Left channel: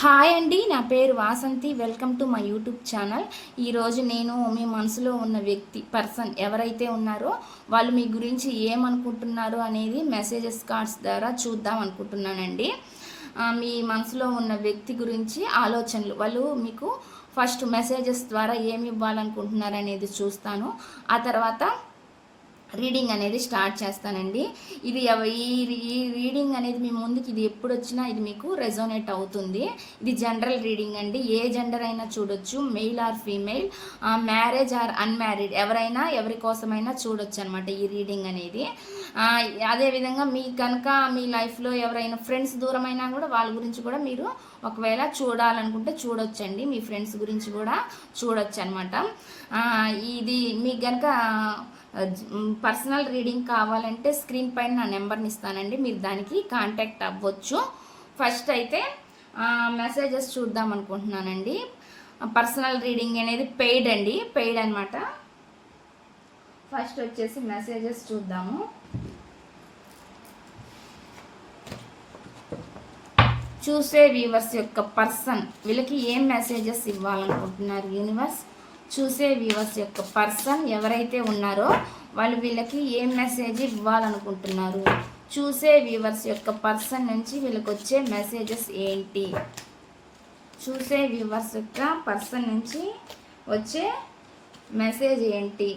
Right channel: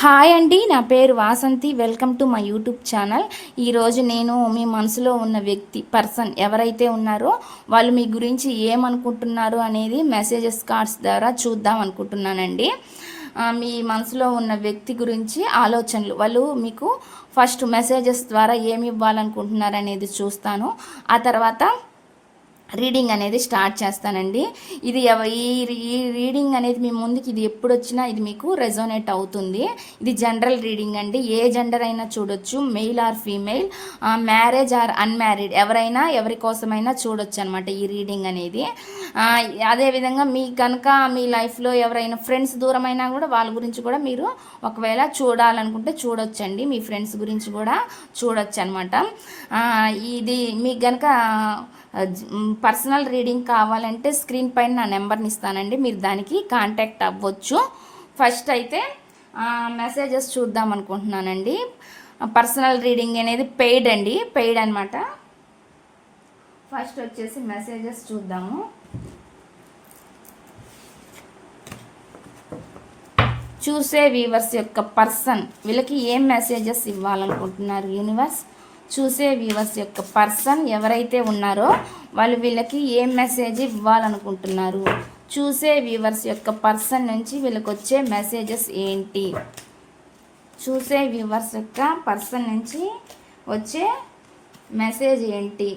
Hi అండి, నా పేరు Vasanthi. Welcome to my YouTube channel. ఈరోజు నేను మీ మనసులో ఉన్న పర్సన్ ఎవరైతే ఉన్నారో వాళ్ళు మీ గురించి ఏమనుకుంటున్నారు అనేది మెసేజెస్ కార్డ్స్ ద్వారా చూద్దాం అనుకుంటున్నానండి. మీ మనసులో ఉన్న వ్యక్తి గురించి ఆలోచనలు, వాళ్ళు మీకు ఫస్ట్ మెసేజెస్ ద్వారా ఏమి ఇవ్వాలనుకుంటున్నారు అనేది చూస్తాను. ఆ తర్వాత రీడింగ్ అనేది స్టార్ట్ చేస్తానండి. ఇది ఈ రీడింగ్ అనేది మీ ముందుకి ఇది ఎప్పుడు వచ్చినా ఇది మీకు రెజోనేట్ అవుతుంది. ఇది జనరల్ రీడింగ్ అండి. ఏ జెండర్ అయినా చూడొచ్చు, male or female, marriage or unmarried, ఎవరైనా ఎవరి కోసమైనా చూడొచ్చు అనమాట ఈ రీడింగ్ అనేది. అదేవిధంగా మీ కనుక మీ లైఫ్లో ఎవరైనా ఫ్రెండ్స్ దూరమైనా కూడా వాళ్ళ గురించి కూడా మీరు ఒకవేళ చూడాలనుకుంటే చూడొచ్చండి. మీ ఫ్రెండ్స్ గురించి కూడా చూడొచ్చు అనమాట. ఇది మీకు కనుక పర్సనల్ రీడింగ్ కావాలంటే స్క్రీన్ పైన నా నెంబర్ని ఇస్తానండి, మీరు దానికి కాంటాక్ట్ అవ్వచ్చు. ఫస్ట్ అయితే మెసేజెస్ చూద్దాం అనుకుంటున్నానండి. పర్సనల్ రీడింగ్ అనేది పెయిడ్ అండి, పెయిడ్ అనమాట. ఫస్ట్ వచ్చేసి మెసేజెస్ చూద్దాము. చూసే వ్యూవర్స్ యొక్క పర్సన్ వీళ్ళకి ఏం మెసేజెస్ ఇవ్వాలనుకుంటున్నారు యూనివర్స్? చూసే వ్యూవర్స్ యొక్క పర్సన్ ఎవరైతే ఉన్నారో వాళ్ళు వీళ్ళకి ఏం మెసేజ్ ఇవ్వాలనుకుంటున్నారు? చూసే వ్యూవర్స్ యొక్క పర్సన్ నుంచి వీళ్ళకి వచ్చే మెసేజెస్ ఏంటి? చూసే వ్యూవర్స్ యొక్క పర్సన్ నుంచి వచ్చే మెసేజ్ ఏంటి?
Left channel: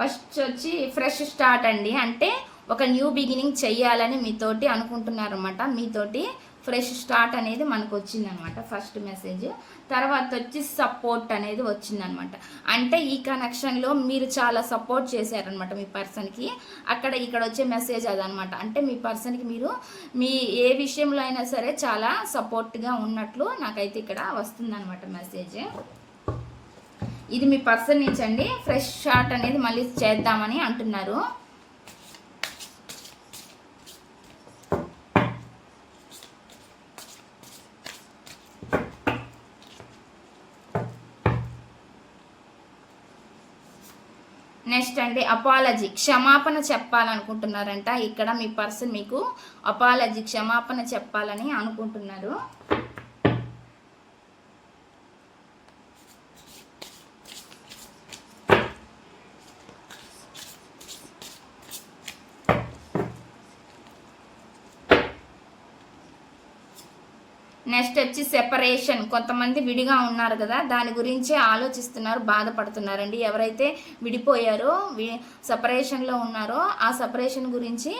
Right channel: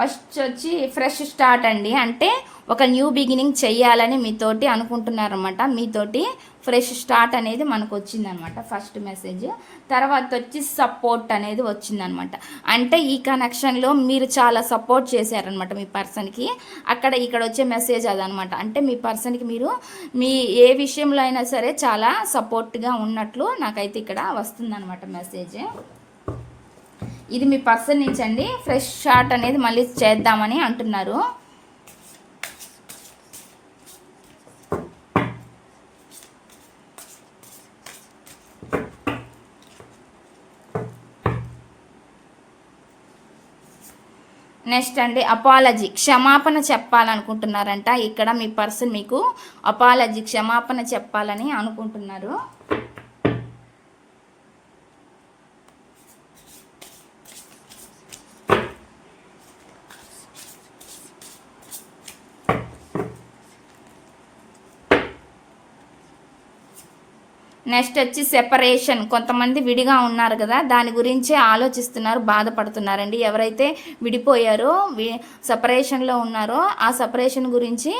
ఫస్ట్ వచ్చి ఫ్రెష్ స్టార్ట్ అండి, అంటే ఒక న్యూ బిగినింగ్ చెయ్యాలని మీతోటి అనుకుంటున్నారన్నమాట. మీతోటి ఫ్రెష్ స్టార్ట్ అనేది మనకు వచ్చిందనమాట ఫస్ట్ మెసేజ్. తర్వాత వచ్చి సపోర్ట్ అనేది వచ్చిందనమాట. అంటే ఈ కనెక్షన్లో మీరు చాలా సపోర్ట్ చేశారనమాట మీ పర్సన్కి. ఇక్కడ వచ్చే మెసేజ్ అదనమాట. అంటే మీ పర్సన్కి మీరు మీ ఏ విషయంలో అయినా సరే చాలా సపోర్ట్గా ఉన్నట్లు నాకైతే ఇక్కడ వస్తుందనమాట మెసేజ్. ఇది మీ పర్సన్ నుంచి అండి. ఫ్రెష్ స్టార్ట్ అనేది మళ్ళీ చేద్దామని అంటున్నారు. నెక్స్ట్ అండి అపాలజీ, క్షమాపణ చెప్పాలనుకుంటున్నారంట. ఇక్కడ మీ పర్సన్ మీకు అపాలజీ, క్షమాపణ చెప్పాలని అనుకుంటున్నారు. నెక్స్ట్ వచ్చి సెపరేషన్, కొంతమంది విడిగా ఉన్నారు కదా, దాని గురించి ఆలోచిస్తున్నారు, బాధపడుతున్నారండి. ఎవరైతే విడిపోయారో సెపరేషన్లో ఉన్నారో ఆ సెపరేషన్ గురించి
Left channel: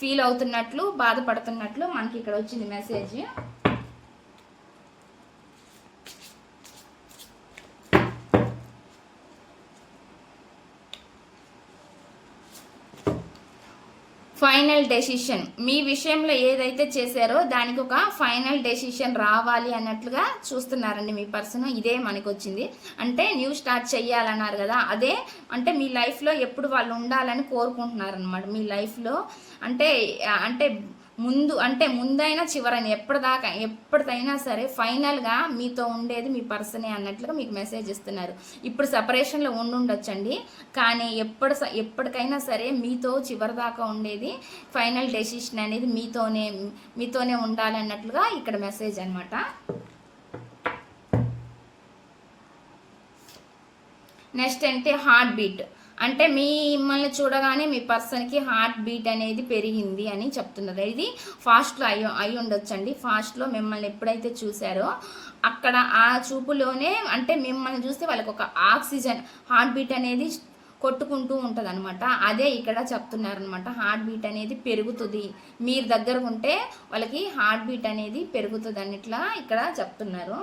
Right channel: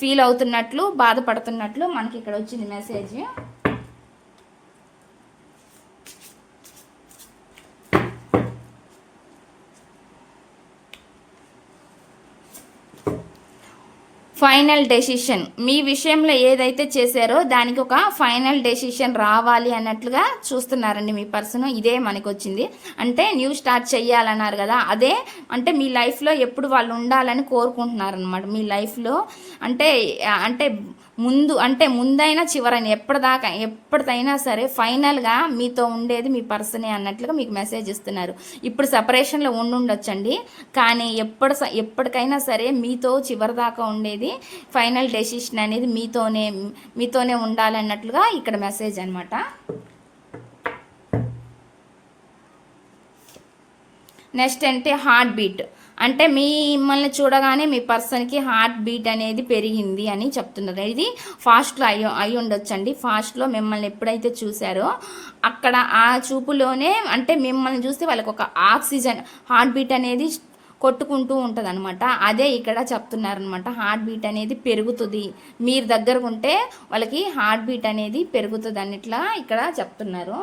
ఫీల్ అవుతున్నట్లు, బాధపడుతున్నట్లు మనకి ఇక్కడ వచ్చింది మెసేజ్. ఫైనల్ డెసిషన్, మీ విషయంలో ఏదైతే చేశారో దానికి ఒక ఫైనల్ డెసిషన్ రావాలి అన్నట్లుగా చూస్తున్నారండి మీ పర్సన్. ఇదే మనకు వచ్చింది. అంటే న్యూ స్టార్ట్ చెయ్యాలన్నారు కదా, అదే అంటే మీ లైఫ్లో ఎప్పుడు వాళ్ళు ఉండాలని కోరుకుంటున్నారనమాట. మీ లైఫ్లో అంటే అంటే ముందైనా చివరైనా ఎప్పటిదైనా సరే ఫైనల్గా మీతో ఉండేది మీ పర్సనే అన్నట్లుగా మీకు మెసేజ్ ఇస్తున్నారు. ఇప్పుడు సపరేషన్లో ఉండుండొచ్చండి, కానీ ఎప్పటికైనా సరే మీతో చివరిదాకా ఉండేది ఫైనల్ డెసిషన్ అనేది మీతోనే ఉండాలన్నట్లుగా ఇక్కడ మెసేజ్ అనమాట. నెక్స్ట్ అంటే హార్ట్ బీట్, అంటే మిమ్మల్ని చూడగానే మీ పర్సన్కి హార్ట్ బీట్ అనేది పెరిగింది అని చెప్తున్నారు. ఇది ఫాస్ట్లో అయి ఉండొచ్చండి. ఫాస్ట్లో మిమ్మల్ని ఎప్పుడైతే చూసారో అక్కడ ఆ చూపులోనే అంటే మిమ్మల్ని చూస్తే వాళ్ళకి ఒక ఆక్సిజన్ హార్ట్ బీట్ అనేది కొట్టుకుంటూ ఉంటుంది అనమాట. అదే ఇక్కడ చెప్తున్నారనమాట. హార్ట్ బీట్ అనేది పెరుగుతుంది, మీరు దగ్గరకు ఉంటే వాళ్ళకి హార్ట్ బీట్ అనేది పెరుగుతుంది అన్నిట్లా ఇక్కడ చెప్తున్నారు.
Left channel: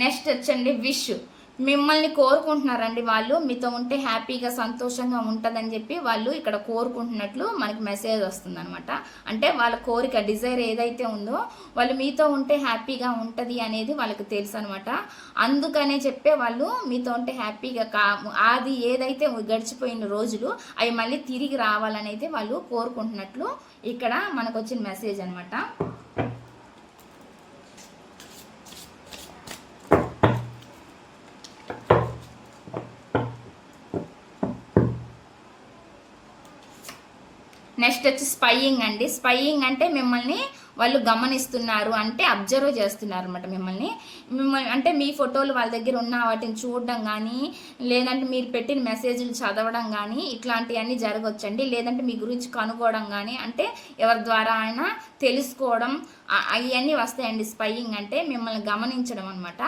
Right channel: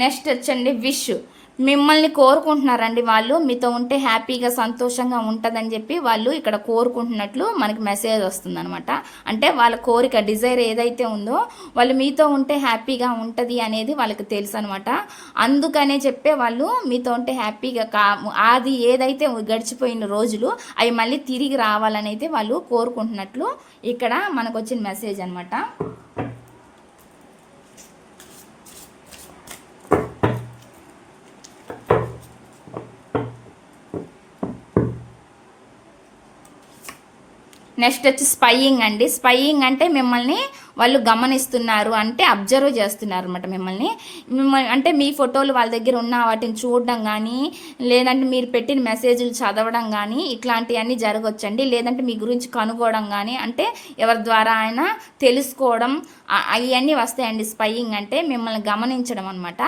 నెక్స్ట్ వచ్చండి విష్, మిమ్మల్ని కోరుకుంటున్నారండి. వాళ్ళు మీతో ఉంటే హ్యాపీగా సంతోషంగా ఉంటుందని చెప్పి వాళ్ళు ఇక్కడ కోరుకుంటున్నట్లు మనకి మెసేజ్ వస్తుందనమాట. అంటే వాళ్ళ కోరిక డిజైర్ ఏదైతే ఉందో వాళ్ళు మీతో ఉంటే హ్యాపీగా ఉంటుంది అనేది వాళ్ళకి తెలుసు అనమాట. అందుకనే చెప్పే వాళ్ళు మీతో ఉంటే హ్యాపీగా అది ఏదైతే గడిచిపోయిన రోజులు అవి మళ్ళీ తిరిగి రావాలని అయితే వాళ్ళు కోరుకుంటున్నట్లు ఇక్కడ మనకు వచ్చిన మెసేజ్ అనమాట. నెక్స్ట్ వచ్చి స్పైయింగ్ అండి. స్పైయింగ్ అంటే మిమ్మల్ని వాళ్ళు గమనిస్తున్నారు, అంటే అబ్జర్వ్ చేస్తున్నారు అనమాట మిమ్మల్ని. అంటే మీ ఫోటోలు వాళ్ళ దగ్గర ఉన్న వాటిని చూడడం కానీ, లేదంటే మీరు పెట్టిన మెసేజ్లు చదవడం కానీ ఇట్లాంటివన్నీ జరగవచ్చండి. లేదంటే మీ గురించి కనుక్కోవడం కానీ, అంటే ఎవరి ద్వారా అయినా తెలుసుకోవడం అవన్నీ వస్తాయండి. స్పైయింగ్ అంటే మిమ్మల్ని గమనించడం అనమాట.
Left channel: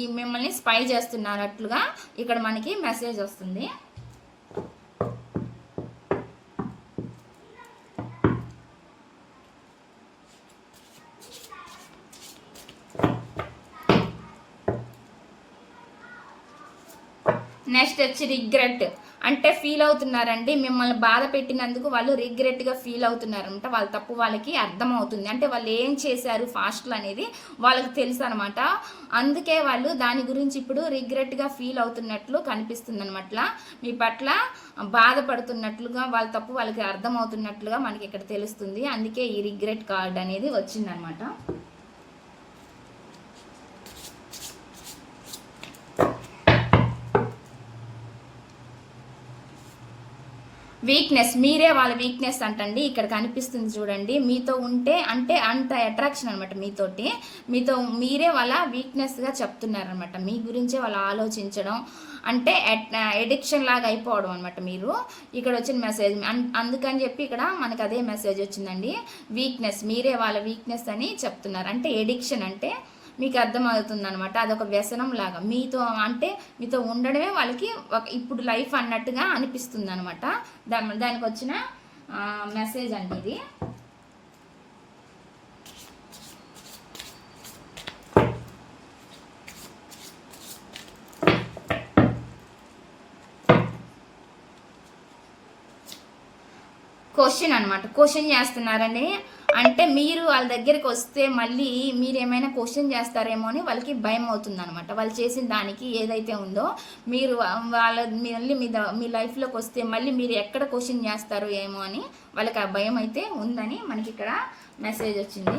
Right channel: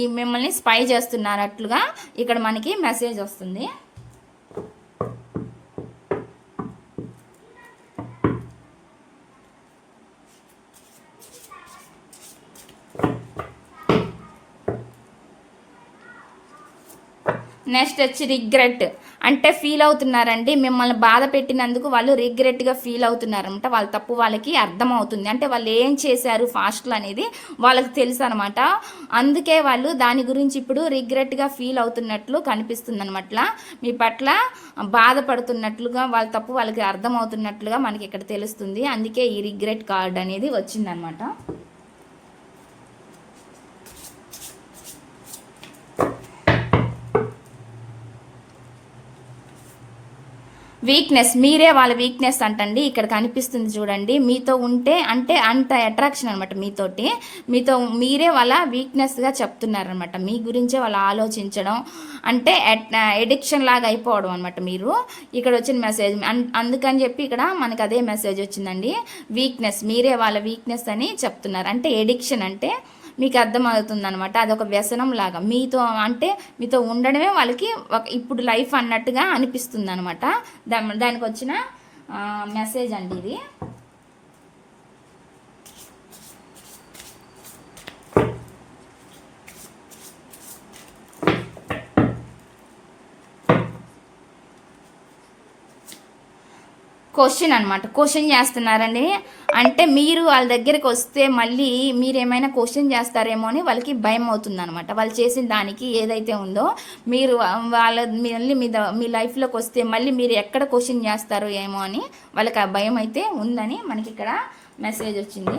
ఈ మిమ్మల్ని స్పై చేస్తున్నట్లుగా ఇక్కడ మనకి మెసేజ్ వస్తుంది. నెక్స్ట్ వచ్చి రిగ్రెట్ అంటే ఫీల్ అవుతున్నారండి. మిమ్మల్ని బాధ పెట్టినందుకు వాళ్ళు రిగ్రెట్గా ఫీల్ అవుతున్నారంట. వాళ్ళ తప్పు వాళ్ళకి అర్థమవుతుంది, అంటే వాళ్ళు ఏం చేశారు ఫాస్ట్లో అనేది వాళ్ళకి తెలుసు అనమాట. అందుకే వాళ్ళు దాని గురించి ఇప్పుడు రిగ్రెట్గా ఫీల్ అవుతున్నట్లు కనిపిస్తుంది అనమాట. మీ పట్ల బాధపడుతున్నట్లుగా, వాళ్ళ తప్పు వాళ్ళకి అర్థమవుతున్నట్లుగా మనకి ఇక్కడ తెలుస్తుంది. అందుకే ఈ రిగ్రెట్ కార్డ్ అనేది వచ్చిందనమాట. వీక్నెస్, మీరే వాళ్ళ వీక్నెస్ అంటండి. ఇక్కడ కనిపిస్తుంది చూడండి. మీతో ఉంటే అంటే అంత అట్రాక్షన్ అనమాట మీతో మీరే వాళ్ళ వీక్నెస్గా చెప్తున్నారనమాట. మీ గురించే వాళ్ళు ఆలోచించడం, అంటే ఎడిక్షన్ లాగా అయిపోవడం అనమాట మీరు. ఇక్కడ వచ్చిన మెసేజ్ అందుకని చెప్పి ఇక్కడ మనకు అదే మెసేజ్ వచ్చిందండి. వీక్నెస్, మీరే వాళ్ళ వీక్నెస్ అని చెప్తున్నారు. అంటే ఎడిక్షన్ అంటే మీకు అర్థమవుతుంది అనమాట. అదొక వ్యసనం లాగా మీతో ఉండడమే వాళ్ళకి ఇప్పుడు లైఫ్ అన్నట్టుగా అనిపిస్తుంది అనమాట. దానికి వచ్చిన మెసేజ్ అండి ఇది. క్వశ్చన్ అనమాట, క్వశ్చన్ చేస్తున్నారండి. అంటే మీరు వాళ్ళ దగ్గరికి వస్తే మళ్ళీ మీరు ఏమైనా క్వశ్చన్ చేస్తారేమో అని వాళ్ళకి భయం అవుతుంది అనమాట. వాళ్ళు చేసిన దానికి ఏదైతే ఉందో మీరు మళ్ళీ మీ లైఫ్లోకి వస్తే మళ్ళీ మీరు ఎక్కడ క్వశ్చన్ చేస్తారో ఏమో అని వాళ్ళకి ఆ భయం అయితే ఉందని మనకి ఇక్కడ మెసేజ్ వచ్చింది.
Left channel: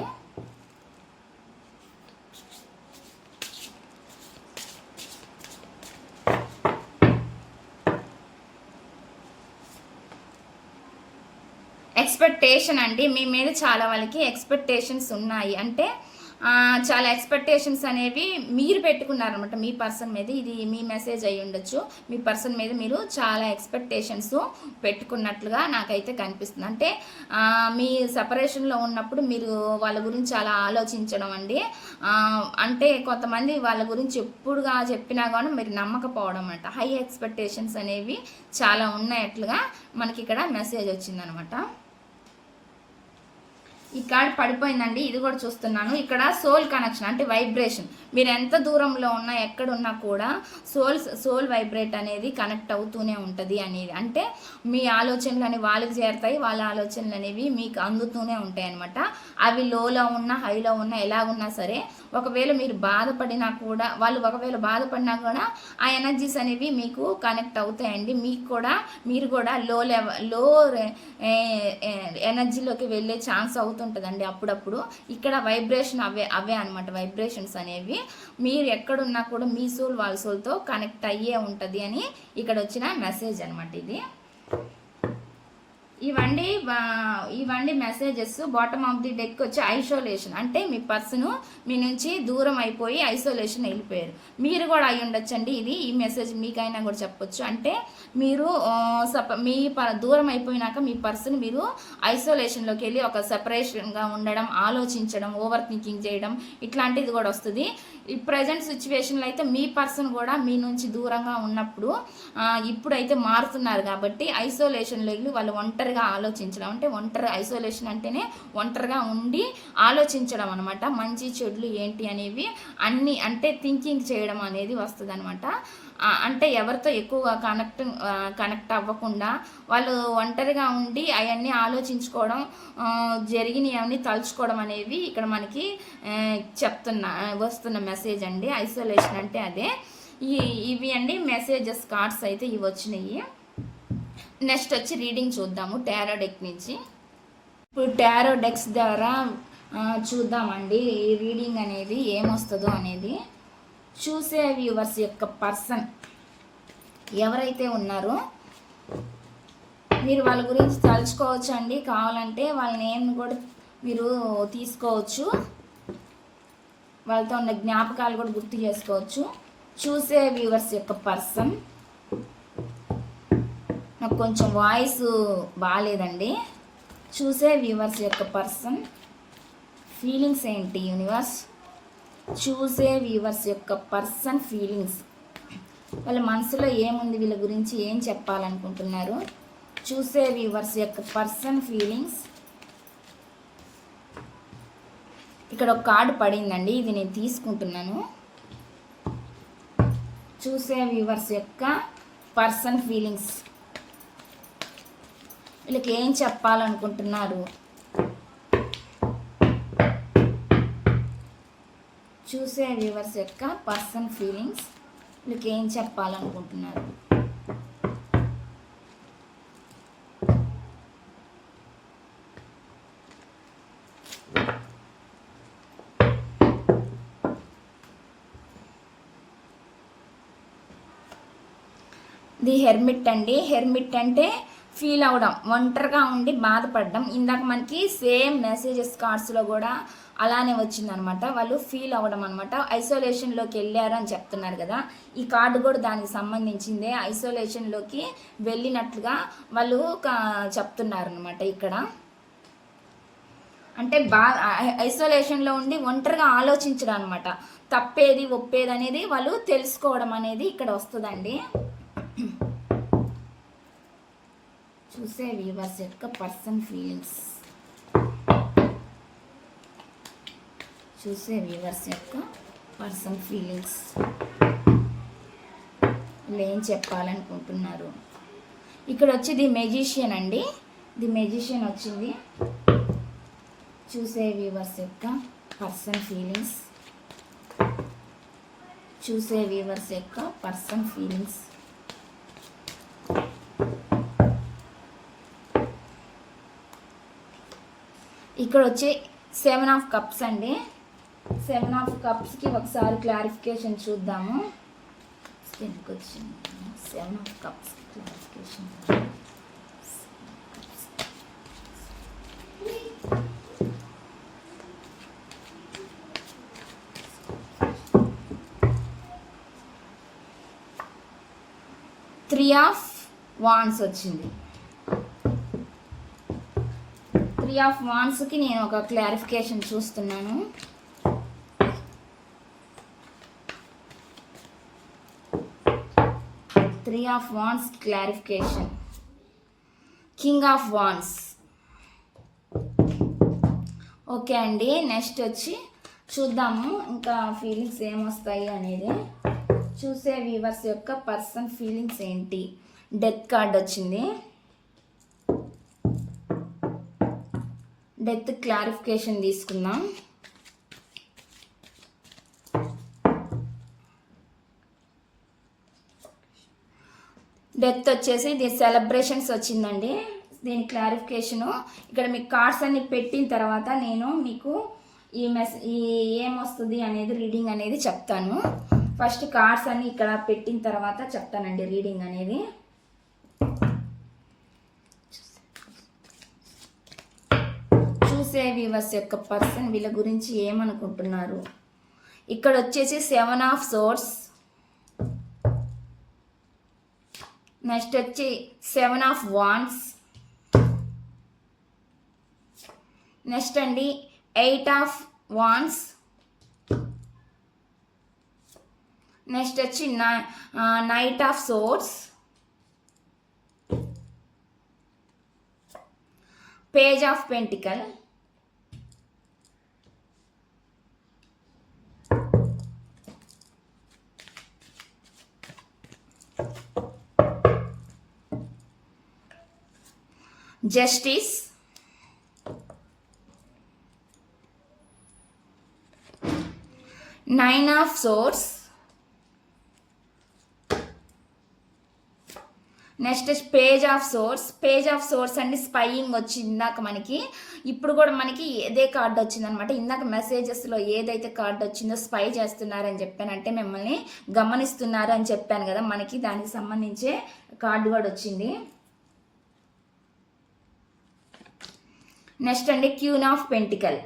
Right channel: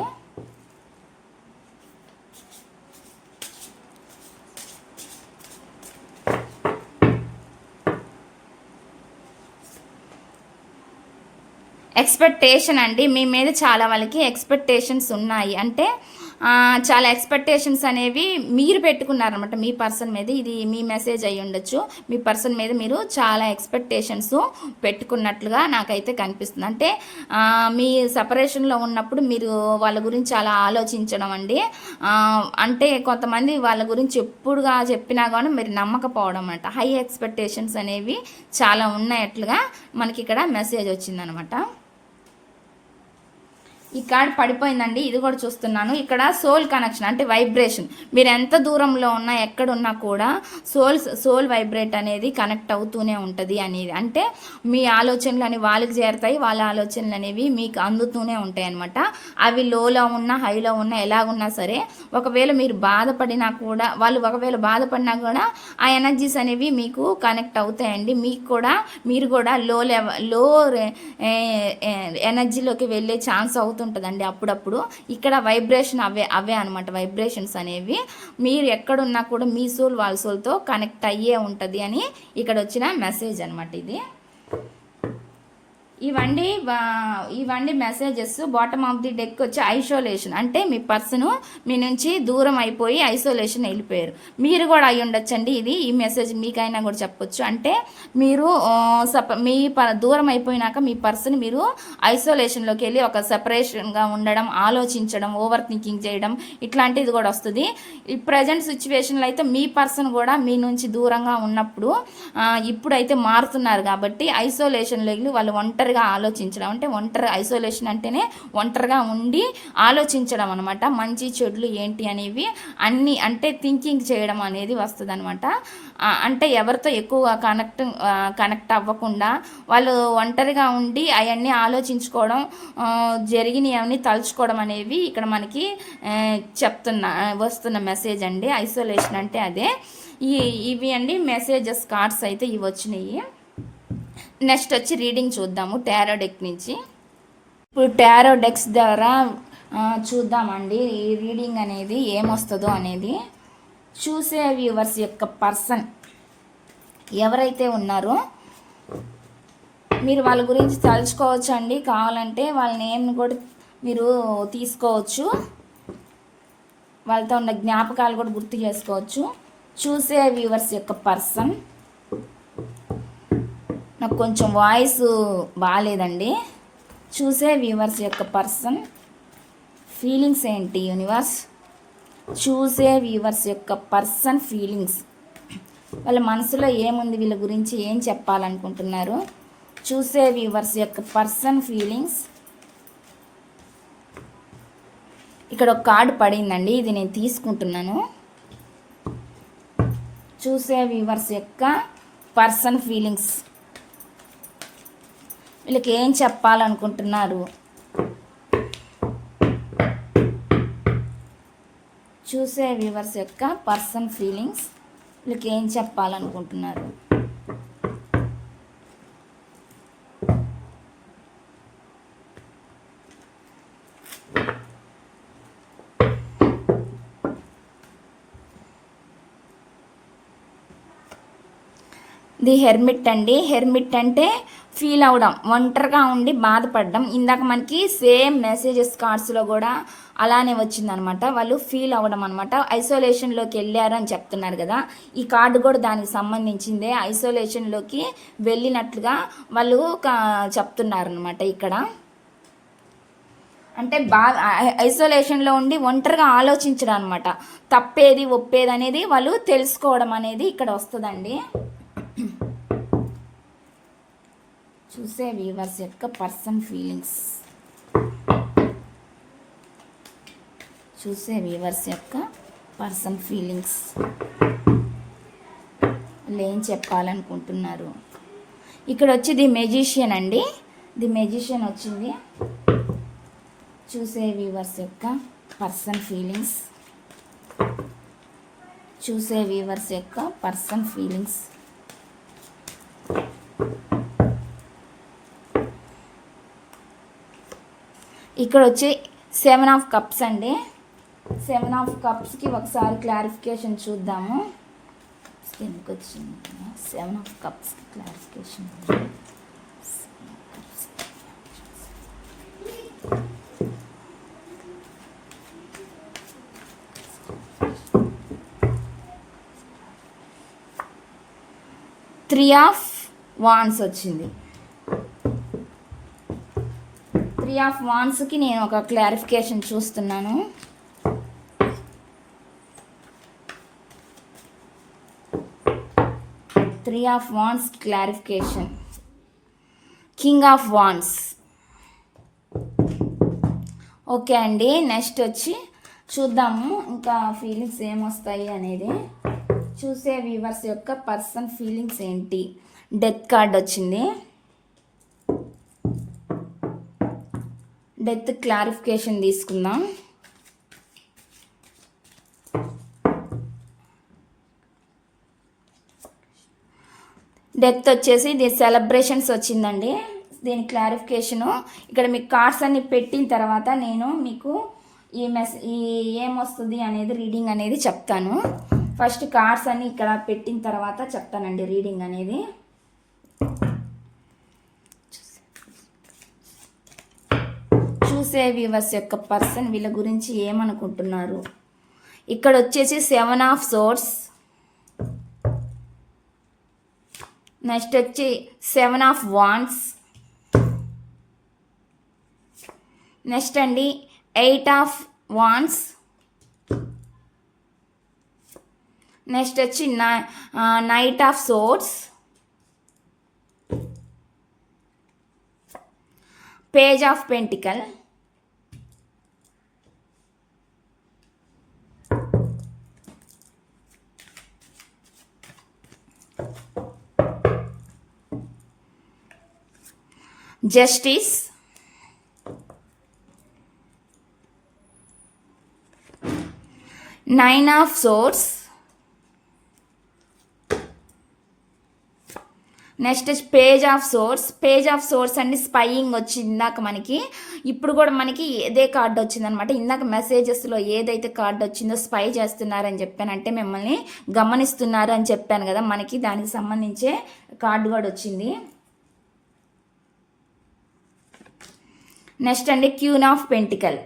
ఎక్స్పెక్టేషన్ అండి, మీ మీద చాలా వాళ్ళకి ఎక్స్పెక్టేషన్స్ ఉన్నాయి. అంటే చాలా ఎక్స్పెక్టేషన్స్ అనేవి మీరు పెట్టుకున్నారనమాట మీ పర్సన్ మీద. ఇది మీ మెసేజ్ అయ్యి ఉండొచ్చు. మీ పర్సన్ మీద మీరు చాలా ఎక్స్పెక్టేషన్స్ పెట్టుకున్నట్లుగా నాకైతే కనిపిస్తుంది. అంటే మీ సపరేషన్లో ఉన్నప్పుడు మీరు వాళ్ళ గురించి చాలా ఆలోచించడం అండి. అంటే కొంతమంది వాళ్ళ గురించి ఎప్పుడుగా చెప్పినా కానీ మీరు నమ్మకపోవడం అనమాట. హై ఎక్స్పెక్టేషన్స్ అనేవి చాలా ఉన్నట్లుగా మనకి ఇక్కడ మెసేజ్ వచ్చిందనమాట. ఈ కార్డ్ పడిపోయిందండి. ఇది కూడా చూస్తున్నాను. ఇక్కడ సోల్ కనెక్షన్ అంటే వైబ్రేషన్. మీరు ఎంత దూరంలో ఉన్నా ఎక్కడున్నా కూడా సోల్ వైబ్రేట్ అనేది కనెక్ట్ అవుతూనే ఉంటుంది అనేది. అంటే మీ ఆలోచనలు అని వాళ్ళకి చేరుతాయి, వాళ్ళ ఆలోచనలు అనేవి మీకు అందుతూనే ఉంటాయి అనమాట. అవి లోలో ఉన్నా హైలో ఉన్నా ఎలా ఉన్నా సరే, ఒకవేళ మీరు బాధపడినా కూడా వాళ్ళు ఒకవేళ బాధపడినా కూడా ఆ ఎనర్జీస్ అనేవి మీకు కనెక్ట్ అవుతాయండి. మీరు కూడా లో ఎనర్జీలోకి వెళ్ళే ఛాన్స్ అవుతుంటుందండి అప్పుడప్పుడు. ఇక్కడ వైబ్రేషన్ అవే అనమాట. వైబ్రేషన్స్ అనేవి మీరు ఎక్కడున్నా కూడా మీ సోల్ వాళ్ళ సోల్తో కనెక్ట్ అయ్యే ఉంటుంది అని ఇక్కడ వచ్చిన మెసేజ్ అనమాట ఇది. ఇవండి messages. Bottom of the deck వచ్చి ఐసోలేషన్, అంటే మీ పర్సన్ మీ నుంచి దూరం అయిపోయి ఐసోలేషన్ వెళ్ళిపోయారు. మీరు కూడా అయి ఉండొచ్చండి. ఈ మెసేజ్ మీకైనా కూడా చెప్పొచ్చు. అంటే మీరు దూరం అయిపోయినాక మీ పర్సన్ మీరు ఐసోలేషన్లోకి వెళ్ళి ఒక సెపరేషన్గా ఉండడం, ఆలోచించడం, ఓవర్ థింకింగ్ చేయడం ఇట్లాంటిది కూడా వస్తుంది. ఈ ప్రజెంట్ సిచ్యువేషన్లో అయితే మీ పర్సన్ కూడా మీ నుంచి దూరంగా ఉన్నప్పుడు ఇప్పుడైతే మారుతున్నారు కాబట్టి ఐసోలేషన్లో వెళ్ళి వాళ్ళు ఒంటరిగా ఆలోచించడం, అంటే ఐసోలేషన్ అంటేనే ఒంటరిగా ఉండి ఆలోచించడం అనమాట. మంచి చెడులు ఏంటి అనేవి అన్నీ అంటే థింకింగ్ చేయడం అనేది వస్తుంది అనమాట. అంటే ఎవరితో ఎక్కువ కనెక్ట్ అవ్వకుండా వాళ్ళు ఒంటరిగా ఉండి అవన్నీ ఆలోచించుకోవడం, జరిగినవన్నీ తలుచుకోవడం అనేవి ఇక్కడ మనకి వస్తున్న మెసేజ్ అండి. ఐసోలేషన్ అంటే అదే. ఇవి అండి మెసేజెస్ కార్డ్స్ అయితే ఇవి వచ్చినాయి. నెక్స్ట్ వచ్చి రీడింగ్ చూద్దాము టారో డెక్ నుంచి. ఇప్పుడు టారో డెక్స్ ద్వారా చూద్దామండి ఈ రీడింగ్ అనేది ఏమొస్తుందో అనేది. చూసే వ్యూవర్స్ యొక్క పర్సన్ ఎవరైతే ఉన్నారో మీరు వాళ్ళ గురించి తలుచుకోవచ్చు అండి. కావాలంటే వాళ్ళ నేమ్ని కూడా మీరు తీసుకోవచ్చు, వాళ్ళతో ఉన్న జ్ఞాపకాలు కూడా గుర్తు చేసుకోవచ్చు. చూసే వ్యూవర్స్ యొక్క పర్సన్, నాకు కొంచెం వాయిస్ బాగాలేదండి. చూసే వ్యూవర్స్ యొక్క పర్సన్ ఫీలింగ్స్ ఏంటి యూనివర్స్? చూసే వ్యూవర్స్ యొక్క పర్సన్ ఫీలింగ్స్, వాళ్ళ మనసులో ఏముంది, వీళ్ళ గురించి ఏం చెప్పాలనుకుంటున్నారు? చూసే వ్యూవర్స్ యొక్క పర్సన్ ఫీలింగ్స్. ఇక్కడ ఒక కార్డు పడిందండి, ఇది నేను తీసుకుంటున్నాను. చూసే వ్యూవర్స్ యొక్క పర్సన్ ఫీలింగ్స్, వీళ్ళకి ఏం చెప్పాలనుకుంటున్నారు? చూసే వ్యూవర్స్ యొక్క పర్సన్ ఫీలింగ్స్, వీళ్ళకి ఏం చెప్పాలనుకుంటున్నారు? ది హెర్మిట్ అండి. హెర్మిట్ అంటే ఫీల్ అవడం, ఒంటరిగా ఉండి బాధపడడం. ఇందాక మనకి సేమ్ మెసేజెస్ కార్డ్స్లో కూడా అలానే వచ్చిందనమాట. వాళ్ళు ఫీల్ అవ్వడం అనమాట, ఐసోలేషన్లోకి వెళ్ళారు అని చెప్తున్నారు కదా. ఈ కార్డు కూడా దానికి సంబంధించిందే, ఐసోలేషన్లోకి వెళ్ళినట్లుగా వాళ్ళు చెప్తున్నారు అనమాట ఇక్కడ. అంటే బాగా ఐసోలేషన్లో ఉండి ఒంటరిగా ఆలోచించడం అనమాట, తప్పేది ఒప్పేది అనేది వాళ్ళు తెలుసుకోవడం అనేది ఇక్కడ వస్తుందండి. చూసే వ్యూవర్స్ యొక్క పర్సన్ ఫీలింగ్స్, చూసే వ్యూవర్స్ యొక్క పర్సన్ ఫీలింగ్స్, వీళ్ళు ఏం చెప్పాలనుకుంటున్నారు? ఇక్కడ వచ్చి ది మెజిషియన్ అండి, ది మెజిషియన్ వచ్చింది. చూసే వ్యూవర్స్ యొక్క పర్సన్ ఫీలింగ్స్, చూసే వ్యూవర్స్ యొక్క పర్సన్ ఫీలింగ్స్. ఇక్కడ వచ్చి 7 ఆఫ్ కప్స్ అండి. 7 ఆఫ్ కప్స్కి ఒకసారి క్లారిఫికేషన్ చూద్దాము. ఎందుకు వచ్చింది 7 ఆఫ్ కప్స్కి క్లారిఫికేషన్? 3 ఆఫ్ వాండ్స్ వచ్చింది. 3 ఆఫ్ వాండ్స్కి నేను ఒక క్లారిఫికేషన్ చూస్తున్నాను. Three of wands clarification. King of wands. Okay అండి, నెక్స్ట్ వచ్చి చూద్దాము ఇంకా ఫీలింగ్స్ ఏమొస్తాయి అనేది. చూసే వ్యూవర్స్ యొక్క పర్సన్ ఫీలింగ్స్ ఏంటి? డెత్ కార్డ్ వచ్చింది. డెత్ క్లారిఫికేషన్ తీసుకుందాం. డెత్ వచ్చేసి దీని సెలబ్రేషన్స్ వచ్చిందండి. దీని క్లారిఫికేషను ఇక్కడ మీకు కార్డ్స్ అన్ని పెట్టిన తర్వాత నేను మీకు ఈ ఏమొస్తుంది అనేది రీడింగ్ అనేది చెప్తాను. ఫస్ట్ కార్డ్స్ అన్ని ఇక్కడ పెట్టిన తర్వాత చెప్తానండి రీడింగ్ అనేది. చూసే వ్యూవర్స్ యొక్క పర్సన్ వీళ్ళ గురించి ఏమనుకుంటున్నారు? ఇక్కడ వచ్చేసి 7 ఆఫ్ సోర్డ్స్, నెక్స్ట్ వచ్చి 7 ఆఫ్ వాండ్స్, నెక్స్ట్ అండి 8 ఆఫ్ వాండ్స్, నెక్స్ట్ వచ్చి knight of swords, page of pentacle, justice, nine of swords, next page of swords. Page of swords అండి స్పైయింగ్ వచ్చింది ఇందాక మనకి, ఇప్పుడు కూడా మనకి ఇదే కార్డు వచ్చిందనమాట. ఇందాక మెసేజెస్లో ఏదైతే కార్డు వచ్చిందో స్పై చేస్తున్నారని చెప్పానంటే మిమ్మల్ని గమనిస్తున్నారు అని చెప్పాను కదా, మనకి దానికి సంబంధించే కార్డు కూడా వచ్చింది. నెక్స్ట్ అండి క్వీన్ ఆఫ్ పెంటికల్.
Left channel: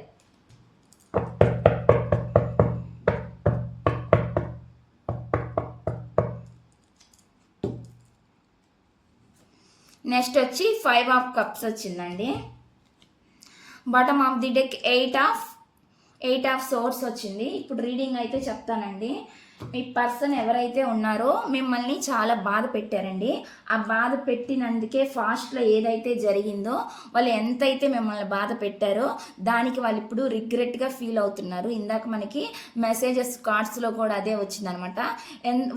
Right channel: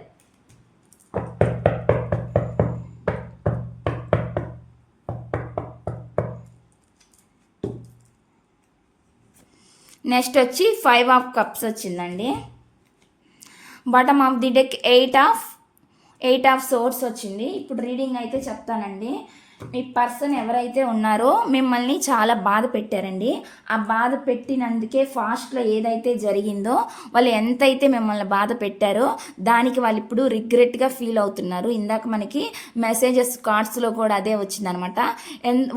నెక్స్ట్ వచ్చి 5 ఆఫ్ కప్స్ వచ్చిందండి. Bottom of the deck 8 of swords వచ్చింది. ఇప్పుడు రీడింగ్ అయితే చెప్తానండి. మీ పర్సన్ ఎవరైతే ఉన్నారో మిమ్మల్ని చాలా బాధ పెట్టారండి. ఆ బాధ పెట్టినందుకే ఫాస్ట్లో ఏదైతే జరిగిందో వాళ్ళు ఎంతైతే మిమ్మల్ని బాధ పెట్టారో దానికి వాళ్ళు ఇప్పుడు రిగ్రెట్గా ఫీల్ అవుతున్నారు. ఇందాక మనకి మెసేజెస్ కార్డ్స్లో కూడా అదే వచ్చిందనమాట.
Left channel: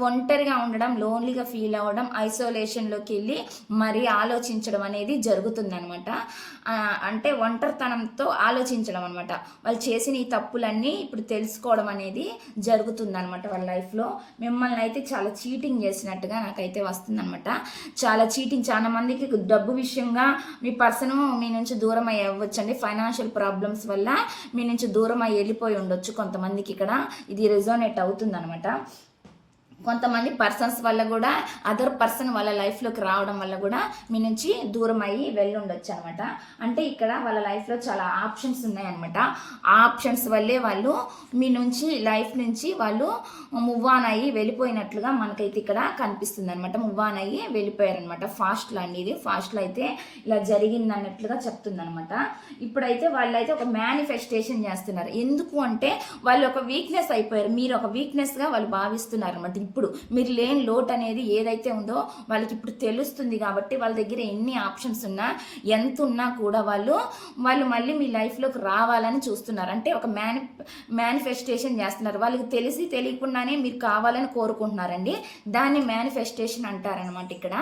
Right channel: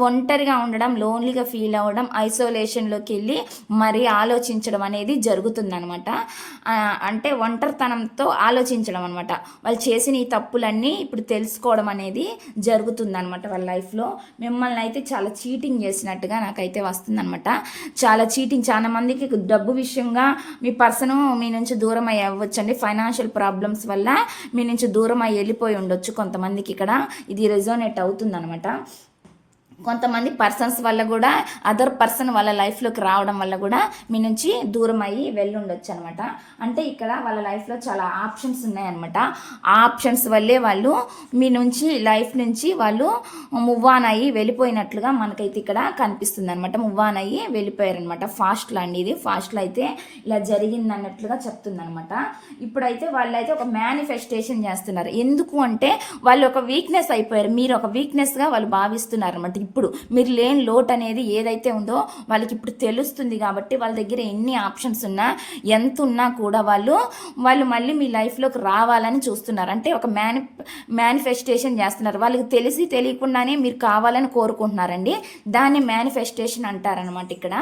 ఒంటరిగా ఉండడం, లోన్లీగా ఫీల్ అవ్వడం, ఐసోలేషన్లోకి వెళ్ళి మరీ ఆలోచించడం అనేది జరుగుతుందనమాట. అంటే ఒంటరితనంతో ఆలోచించడం అనమాట. వాళ్ళు చేసిన ఈ తప్పులన్నీ ఇప్పుడు తెలుసుకోవడం అనేది జరుగుతుందనమాట వాళ్ళ లైఫ్లో. మిమ్మల్ని అయితే చాలా చీటింగ్ చేసినట్టుగా నాకైతే వస్తుందనమాట. చాలా చీటింగ్, చాలా మందికి డబ్బు విషయంగా మీ పర్సన్ మీ నుంచి దూరం అయ్యి అవ్వచ్చండి. ఫైనాన్షియల్ ప్రాబ్లమ్స్ వల్ల మీ నుంచి దూరం అయ్యి వెళ్ళిపోయి ఉండొచ్చు కొంతమందికి. ఇక్కడ ఇది రెజోనేట్ అవుతుందనమాట. కొంతమంది పర్సన్స్ వల్ల కూడా, అదర్ పర్సన్ వాళ్ళ లైఫ్లోకి రావడం వల్ల కూడా మీ నుంచి దూరం అయ్యి వెళ్ళి ఉండొచ్చు అనమాట. అంటే ఇక్కడ వాళ్ళ లైఫ్లో చాలా ఆప్షన్స్ ఉన్నాయన్నమాట. ఆ ఆప్షన్స్ వల్లే వాళ్ళు మీ నుంచి లైఫ్ నుంచి వాళ్ళు మూవ్ ఆన్ అయ్యి వెళ్ళిపోయినట్లుగా మనకైతే ఇక్కడ కనిపిస్తుంది అనమాట. మూవ్ ఆన్ అయ్యి వెళ్ళిపోయారనమాట. ఫాస్ట్లో అండి, ఇది ఫాస్ట్లో అయితే ఇలా జరిగింది అన్నట్లుగా చెప్తుంది అనమాట. ఇప్పుడైతే వాళ్ళైతే ఒక మేనిఫెస్టేషన్ చేస్తున్నారు. ఎందుకు అంటే వాళ్ళు ఒక వీక్నెస్ అయిపోయారు, మీరు ఒక వీక్నెస్గా వాళ్ళు భావిస్తున్నారు అనమాట. ఇప్పుడు మీరు లేని లోటు అనేది ఏదైతే ఉందో వాళ్ళకి ఇప్పుడు తెలుస్తుంది. కాబట్టి వాళ్ళ దగ్గర ఎన్ని ఆప్షన్స్ ఉన్నా, ఎంత ఉన్నా కూడా వాళ్ళు మళ్ళీ మీ లైఫ్లోకి రావాలని చూస్తున్నారు. అంటే ఒక మేనిఫెస్టేషన్ చేస్తున్నారు. వాళ్ళకి తెలిసి తెలియకుండానే మీరు కావాలని కోరుకుంటున్నారండి. దాన్ని మేనిఫెస్టేషన్ అంటారనమాట ఇక్కడ.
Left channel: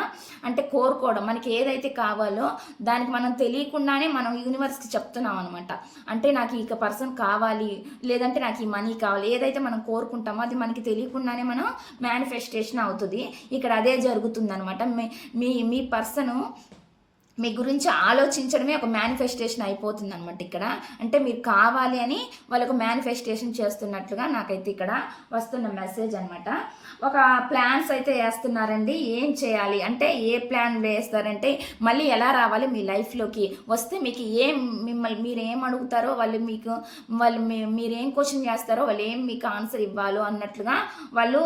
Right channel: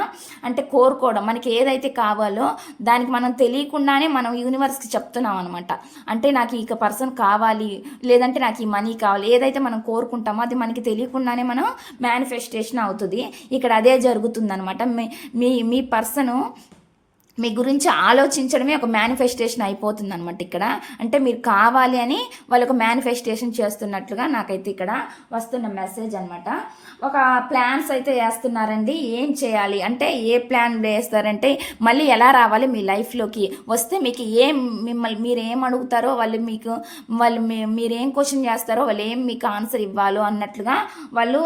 అంటే కోరుకోవడం, మనకి ఏదైతే కావాలో దానికి మనం తెలియకుండానే మనం యూనివర్స్కి చెప్తున్నాం అనమాట. అంటే నాకు ఈ పర్సన్ కావాలి, లేదంటే నాకు ఈ మనీ కావాలి, ఏదైతే మనం కోరుకుంటామో అది మనకి తెలియకుండానే మనం మేనిఫెస్టేషన్ అవుతుంది. ఇక్కడ అదే జరుగుతుందనమాట. మీ పర్సను మీ గురించి ఆలోచించడమే ఒక మేనిఫెస్టేషన్ అయిపోతుంది అనమాట ఇక్కడ. అంటే మీరు కావాలి అని వాళ్ళు ఒక మేనిఫెస్టేషన్ చేస్తున్నట్లుగా నాకైతే ఇక్కడ వస్తున్న మెసేజ్ అనమాట. ఒక ప్లాన్స్ అయితే వేస్తున్నారండి. ఏం చేయాలి అంటే, ఏ ప్లాన్ వేస్తారంటే మళ్ళీ ఎలా రావాలి మీ లైఫ్లోకి వస్తే మీకు మిమ్మల్ని మీరు ఏం అడుగుతారో వాళ్ళు మీరేం క్వశ్చన్ చేస్తారో వాళ్ళు ఏం మీకు ఆన్సర్ ఇవ్వాలో అన్నట్లుగా వాళ్ళు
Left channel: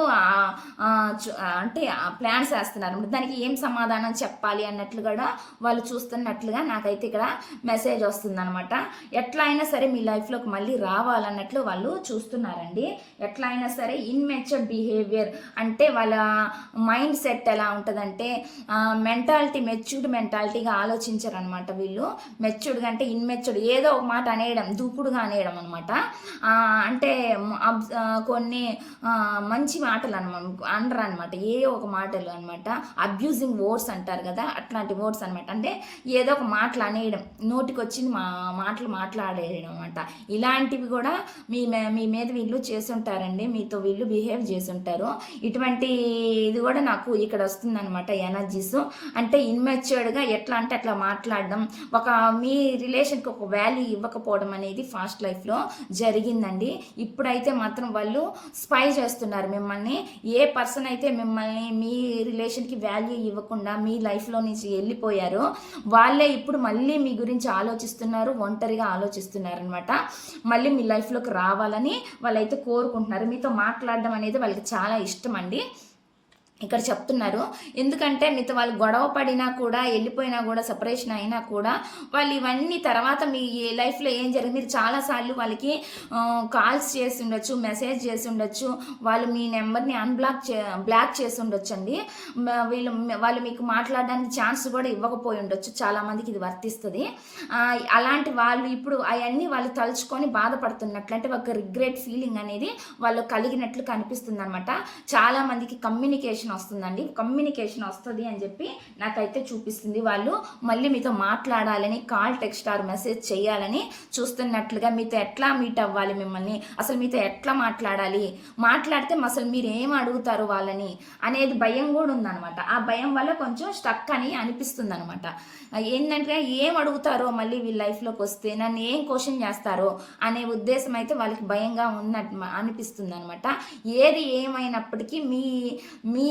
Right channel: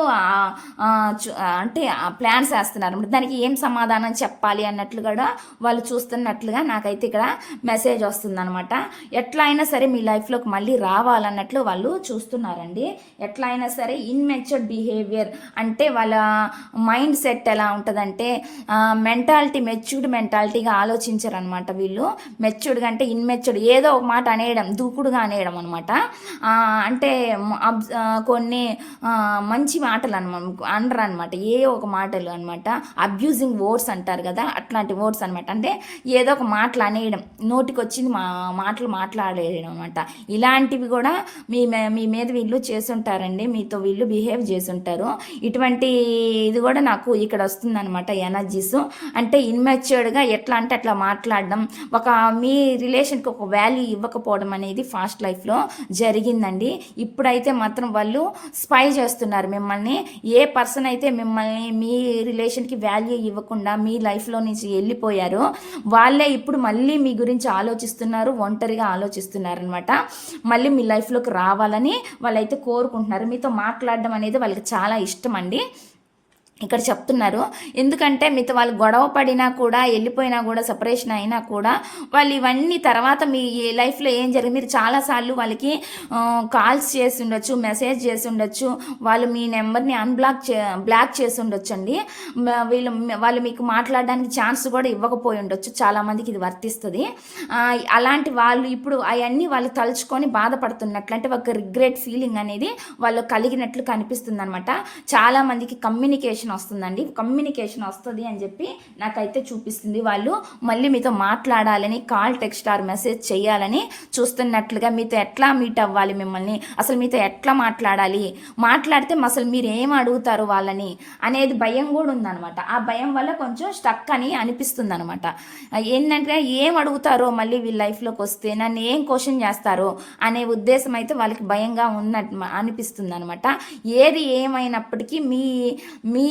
అంటే ప్లాన్స్ వేస్తున్నారు. దానికి ఏం సమాధానం చెప్పాలి అన్నట్లు కూడా వాళ్ళు చూస్తున్నట్లుగా నాకైతే ఇక్కడ మెసేజ్ వస్తుంది అనమాట. ఎట్లా అయినా సరే మీ లైఫ్లోకి మళ్ళీ రావాలన్నట్లు వాళ్ళు చూస్తున్నారండి. ఎట్లా అయినా సరే ఇన్మెచ్యూర్డ్ బిహేవియర్ అంటే వాళ్ళ మైండ్ సెట్ ఎలా ఉంటుందంటే మెంటాలిటీ, మెచ్యూర్డ్ మెంటాలిటీగా ఆలోచించరు అనమాట. వీళ్ళు మెచ్యూర్డ్గా అంటే ఇన్మెచ్యూర్డ్, ఏదో ఒక మాట అనేయడం, దూకుడుగా అనేయడం అనమాట. అంటే కొన్ని మంచి మాటలు అనరు అనమాట. ఏ ఒక మాటలు అనమాట. అబ్యూజింగ్ వర్డ్స్ అంటారు కదా, అట్లాంటి వర్డ్స్ అనమాట. అంటే ఏదో ఒక మాటలు అనేయడం, నోటికి వచ్చింది మాటలు మాట్లాడేయడం అనమాట. ఇలాంటివి కూడా మీ మీద వీళ్ళు చేసుంటారండి. మీతో వీళ్ళు బిహేవ్ చేసుంటారు. ఇటువంటి ఇది కూడా నాకు ఇక్కడ వస్తుంది అనమాట ఎనర్జీస్. అంటే ఇన్మెచ్యూర్డ్గా ఎట్లా అంటే అట్లా మాట్లాడడం, మీ రిలేషన్కి ఒక వాల్యూ ఇవ్వకపోవడం అనేది ఫాస్ట్ లైఫ్లో జరిగిందండి. ఇప్పుడైతే మాత్రం వాళ్ళు స్పై చేస్తున్నారు మిమ్మల్ని. ఏ పర్సన్ అయితే మిమ్మల్ని మీ రిలేషన్కి వాల్యూ ఇవ్వకుండా మీ లైఫ్లో నుంచి వెళ్ళిపోయారో వాళ్ళే ఇప్పుడు మళ్ళీ మీ గురించి ఆలోచిస్తున్నారు, ఒంటరిగా ఆలోచిస్తున్నారు అనమాట. మళ్ళీ మీ లైఫ్లోకి రావాలని వాళ్ళైతే కోరుకుంటున్నారు. మీతో మాట్లాడడం అనేది వాళ్ళకి చాలా ఇష్టం అండి. ఇక్కడ చెప్తున్నారు. ఎందుకంటే మీతో వాళ్ళు గొడవ పడినా కూడా, వెళ్ళిపోయినా కూడా, సెపరేషన్ అయినా కూడా వాళ్ళు ఇవన్నీ తర్వాత మీ లైఫ్లో ఏం జరిగింది, మీరు చాలాసార్లు వాళ్ళకి కాల్స్ చేసి ఉండొచ్చు, మెసేజ్ చేసి ఉండొచ్చు, వాళ్ళు మీ నెంబర్ని బ్లాక్ చేసి ఉండొచ్చు అండి. వాళ్ళు మీకు మాట్లాడడానికి ఛాన్స్ కూడా ఇవ్వకపోయి ఉండొచ్చు. చాలామందికి ఇది వర్తిస్తుంది. అలాంటి వాళ్ళు ఇప్పుడు అవన్నీ వాళ్ళు తలుచుకొని బాధపడుతున్నట్లు, అంటే ఒక రిగ్రెట్ ఫీలింగ్ అనేది వాళ్ళు కలిగినట్లు కనిపిస్తుంది అనమాట. చాలామందికి కమ్యూనికేషన్ వస్తుందండి. కమ్యూనికేషన్ వస్తుంది అని చెప్పి నాకైతే చూపిస్తుంది. వాళ్ళు మళ్ళీ మీతో మాట్లాడాలని, కాల్, టెక్స్ట్ ఆర్ మెసేజ్ చేయాలని చూస్తున్నట్లుగా, మీతో ఎట్లా మీట్ అవ్వాలి, మిమ్మల్ని అసలు మీతో ఎట్లా మాట్లాడితే అసలు మీరు ఏం అడుగుతారు వాళ్ళని అనేది భయం కూడా ఉందన్నమాట. ఆ భయం వల్ల కొంచెం స్టక్ అని అనిపిస్తుంది అనమాట. ఏంటంటే ఏం అడుగుతారో మళ్ళీ వీళ్ళ లైఫ్లోకి వస్తే, నన్ను ఏం క్వశ్చన్ చేస్తారో అనే ఉద్దేశం అయితే వాళ్ళకి భయంగా ఉన్నట్టు అనిపిస్తుంది అనమాట. ఏది ఏమైనప్పటికీ మీ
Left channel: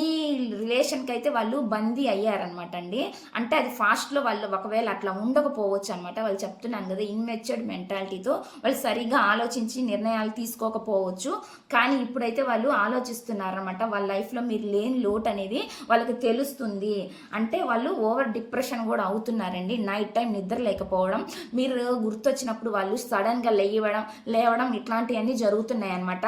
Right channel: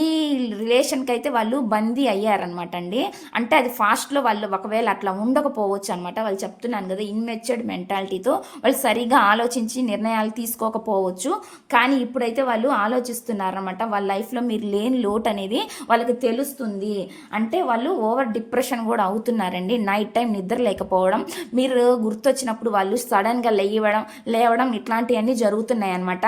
రిలేషన్కి అయితే వాళ్ళు బందీ అయ్యారనమాట అండి. అంటే అది ఫాస్ట్లో వాళ్ళు ఒకవేళ అట్లా ఉండకపోవచ్చు అనమాట. వాళ్ళు చెప్తున్నాను కదా, ఇన్మెచ్యూర్డ్ మెంటాలిటీతో వాళ్ళు సరిగా ఆలోచించి నిర్ణయాలు తీసుకోకపోవచ్చు. కానీ ఇప్పుడైతే వాళ్ళు ఆలోచిస్తున్నారనమాట. వాళ్ళ లైఫ్లో మీరు లేని లోటు అనేది వాళ్ళకి తెలుస్తుంది. అంటే వాళ్ళు ఓవర్ డిప్రెషన్ కూడా అవుతున్నారండి. నైట్ టైం నిద్ర లేకపోవడం, మీరు గుర్తొచ్చినప్పుడు వాళ్ళు సడన్గా లేవడం ఇట్లాంటివన్నీ జరుగుతున్నాయి అన్నమాట.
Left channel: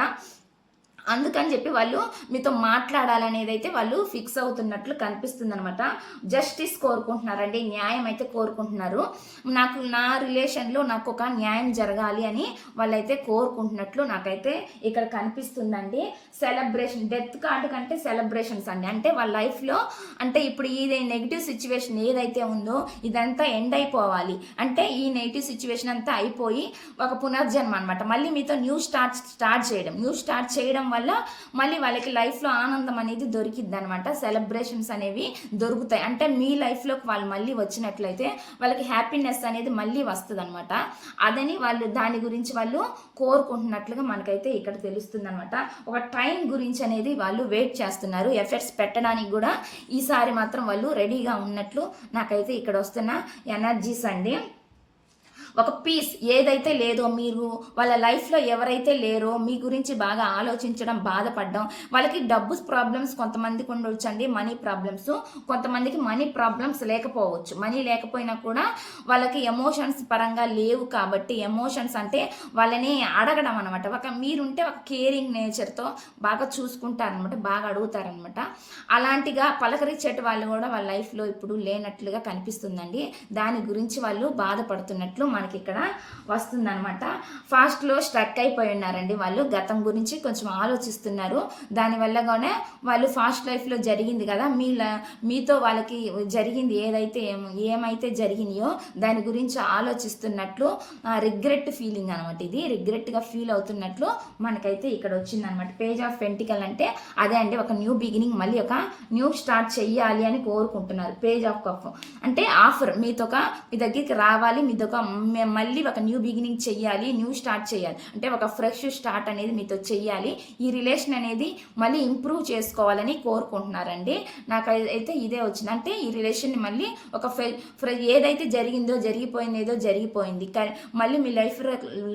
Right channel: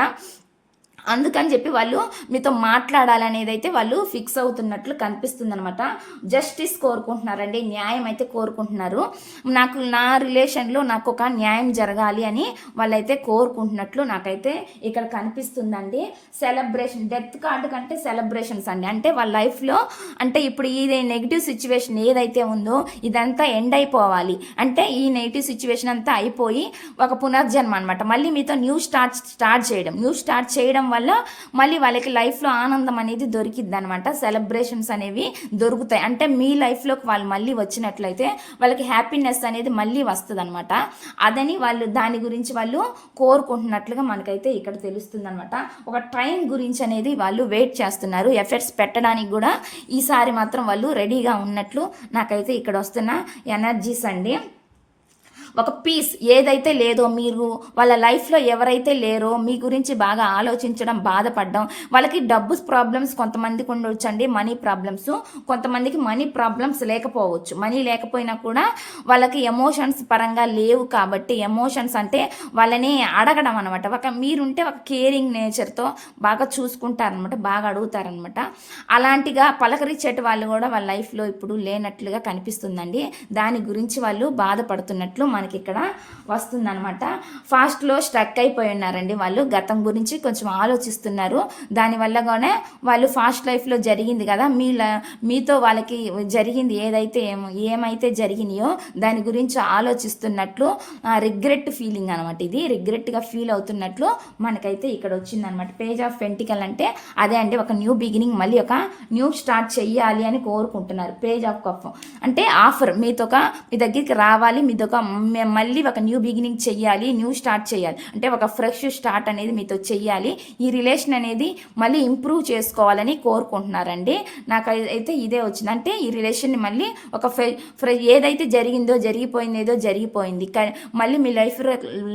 అందుకని చెప్పి వాళ్ళు మీతో మాట్లాడాలనేది అయితే వాళ్ళు ఫిక్స్ అవుతున్నట్లు కనిపిస్తుంది అనమాట. జస్టిస్ కోరుకుంటున్నారండి, న్యాయం అయితే కోరుకుంటున్నారు. నా రిలేషన్లో నాకు ఒక న్యాయం జరగాలి అని వాళ్ళైతే కోరుకుంటున్నట్లు నాకైతే ఇక్కడ కనిపిస్తుందండి. సెలబ్రేషన్, డెత్ కార్డు కంటే సెలబ్రేషన్స్ అండి. అంటే వాళ్ళ లైఫ్లో అంటే ఇప్పుడు ఈ నెగిటివ్ సిచ్యువేషన్ ఏదైతే ఉందో ఇదంతా ఎండ్ అయిపోవాలి. అంటే ఈ నెగిటివ్ సిచ్యువేషన్ అంతా అయిపోయి ఒక పునర్జన్మ అనమాట. మళ్ళీ మీతో న్యూ స్టార్ట్ చేయడం వల్ల మళ్ళీ వాళ్ళకి లైఫ్లో ఆనందం అనేది దొరికిద్ది అనమాట. సెలబ్రేషన్స్ అనేవి దొరుకుతాయి. అంటే మీ లైఫ్లోకి వాళ్ళు మళ్ళీ వచ్చినట్లయితే వాళ్ళకి హ్యాపీనెస్ అనేది మళ్ళీ వస్తుంది అనమాట. అదని వాళ్ళు దాని గురించి వాళ్ళు కోరుకుంటున్నట్లుగా మనకైతే ఇక్కడ తెలుస్తుంది అనమాట. ఒక టైం గురించి అనేది వాళ్ళు వెయిట్ చేస్తున్నారు. ఎఫర్ట్స్ పెట్టడానికి కూడా ఈసారి మాత్రం వాళ్ళు రెడీగా ఉన్నట్లు నాకైతే ఇక్కడ వస్తున్న ఎనర్జీస్ అండి. ఒక పీస్ ఏదైతే లేదో, మీరు వాళ్ళ లైఫ్లో ఎవరైతే లేరో మీ గురించి బాగా ఆలోచించడం, బాధపడడం, వాళ్ళకి డబ్బు ప్రాబ్లమ్స్ కొంతమందికి ఉండొచ్చండి, మనీ ప్రాబ్లమ్స్ కొంతమందికి మనీ ప్రాబ్లమ్స్ లేకపోవచ్చు. మనీ లేకపోయినా కూడా వాళ్ళకి ఎమోషన్స్ పరంగా లేవు కాబట్టి, ఎమోషన్స్ అంటే వాళ్ళని అడగడం అనమాట. మీరుంటే ఒక కేరింగ్ నేచర్తో బాగా చూసుకుంటారనమాట, బాగా అడుగుతారనమాట. అలాంటిగా పలకరించేటి వాళ్ళు కూడా వాళ్ళ లైఫ్లో ఇప్పుడు లేనట్లుగా కనిపిస్తుందండి. దాని గురించి వాళ్ళు బాధపడుతున్నట్లు మనకి ఇక్కడ వస్తుందన్నమాట. ఫాస్ట్లో స్ట్రక్ అయిపోయి ఉన్నారండి వాళ్ళు. గతం గురించి కొంచెం ఆలోచిస్తున్నారు. దానివల్లగానే వాళ్ళు ఫాస్ట్ లైఫ్లో జరిగింది కదా, మీతో వాళ్ళకి జరిగింది ఏమైతే జరిగినాయో దాని గురించి ఆలోచిస్తున్నట్లు రిగ్రెట్ ఫీలింగ్ అనమాట. ఇది రిగ్రెట్గా ఫీల్ అవుతున్నట్లు మనకైతే ఇక్కడ వచ్చిందనమాట. పేజ్ ఆఫ్ పెంటికల్ అంటే అదే అండి, ఒక న్యూ బిగినింగ్, మళ్ళీ ఒక న్యూ స్టార్ట్ చెయ్యాలి అని కోరుకుంటున్నారు. పేజ్ ఆఫ్ కప్ అంటే ఆఫర్, మీ దగ్గరికి రావాలి, మళ్ళీ ఒక న్యూ బిగినింగ్ చెయ్యాలి, న్యూ స్టార్ట్ చేయాలి, అంటే ఒక ఫ్రెష్ స్టార్ట్ అనేది మీతో చెయ్యాలి. ఈ రిలేషన్ అనేది మళ్ళీ ఇంప్రూవ్ చేసుకోవాలని కోరుకుంటున్నారండి. నాకు అయితే ఇదే వచ్చింది. అంటే ఈ రిలేషన్ని మళ్ళీ ఒక ఏదైతే జరిగిపోయింది, కానీ మళ్ళీ మీ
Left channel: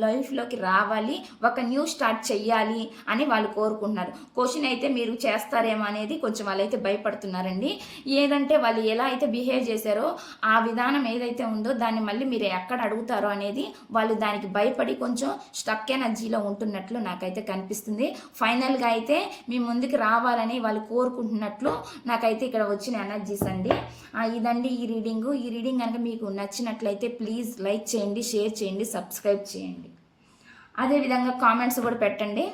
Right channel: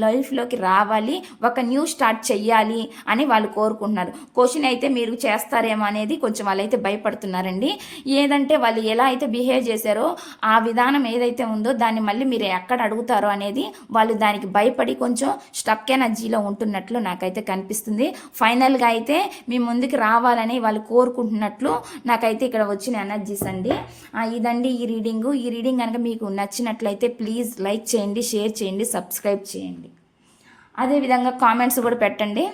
లైఫ్లోకి రావాలి, ఒక న్యూ స్టార్ట్ చెయ్యాలి అని వాళ్ళు కోరుకుంటున్నారు. క్వశ్చన్ అయితే మీరు చేస్తారేమో అనేది కొంచెం వాళ్ళైతే భయపడుతున్నారండి. ఏదంటే వాళ్ళు ఎలా అయితే బిహేవ్ చేశారో ఆ విధానం ఏదైతే ఉందో దాన్ని మళ్ళీ మీరు ఎక్కడ అడుగుతారో అనేది వాళ్ళు దానికి భయపడి కొంచెం స్టక్ ఎనర్జీలో ఉంటున్నట్లు నాకైతే కనిపిస్తుంది. ఫైనల్గా అయితే మీ ముందుకు రావాలని వాళ్ళు కోరుకుంటున్నట్లు నాకైతే ఇక్కడ వచ్చిన ఎనర్జీస్ అండి. ఇదండి ఈ రీడింగ్ కనుక మీకు నచ్చినట్లయితే ప్లీజ్ లైక్ చేయండి, షేర్ చేయండి, సబ్స్క్రైబ్ చేయండి. అదేవిధంగా కామెంట్స్ కూడా పెట్టండి.